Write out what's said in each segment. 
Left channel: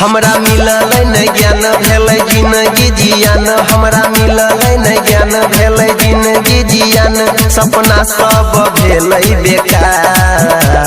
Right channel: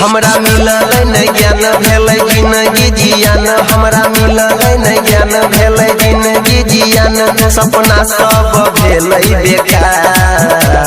हमरा मिलल न ज्ञान भेलै जिंदगी जियान, हमरा मिलल न ज्ञान भेलै जिंदगी जियान, सपना सब भेलै बेकार।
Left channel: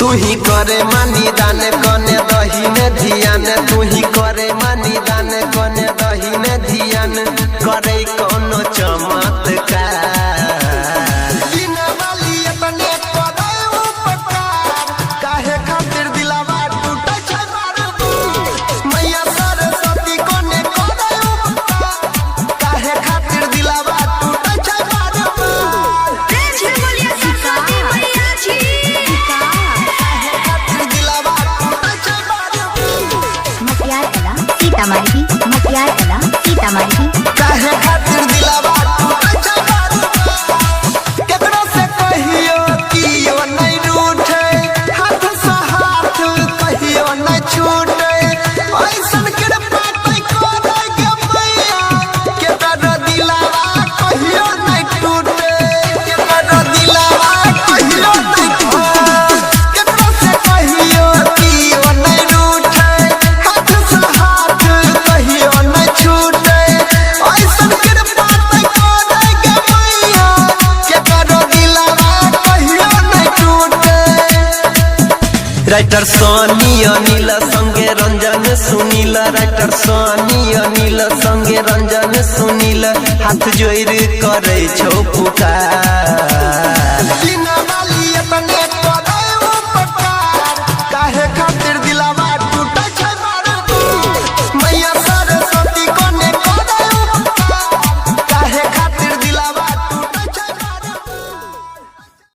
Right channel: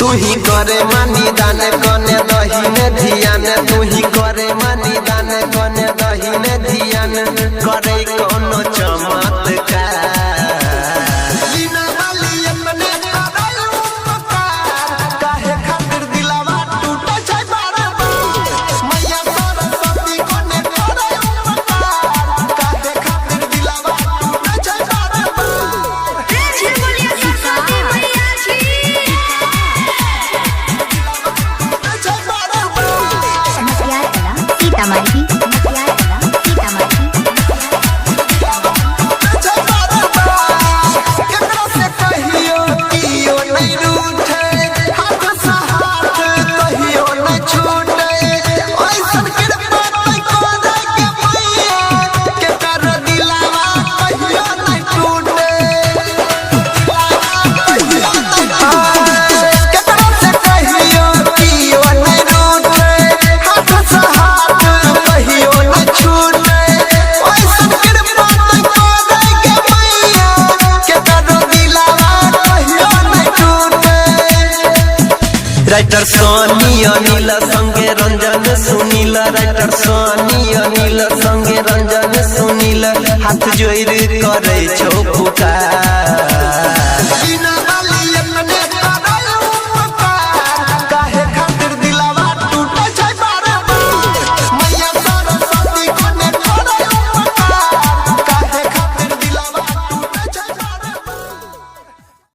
तू ही करे मानी दान कने दही ने ध्यान, तू ही करे मानी दान कने दही ने ध्यान, करे कोनो चमत्कार। सीतामढ़ी राइटर सोनी अनिल संगे रंजन सुनील, राइटर सोनी अनिल संगे रंजन सुनील, हाथ जोड़ करे छौ पुकार।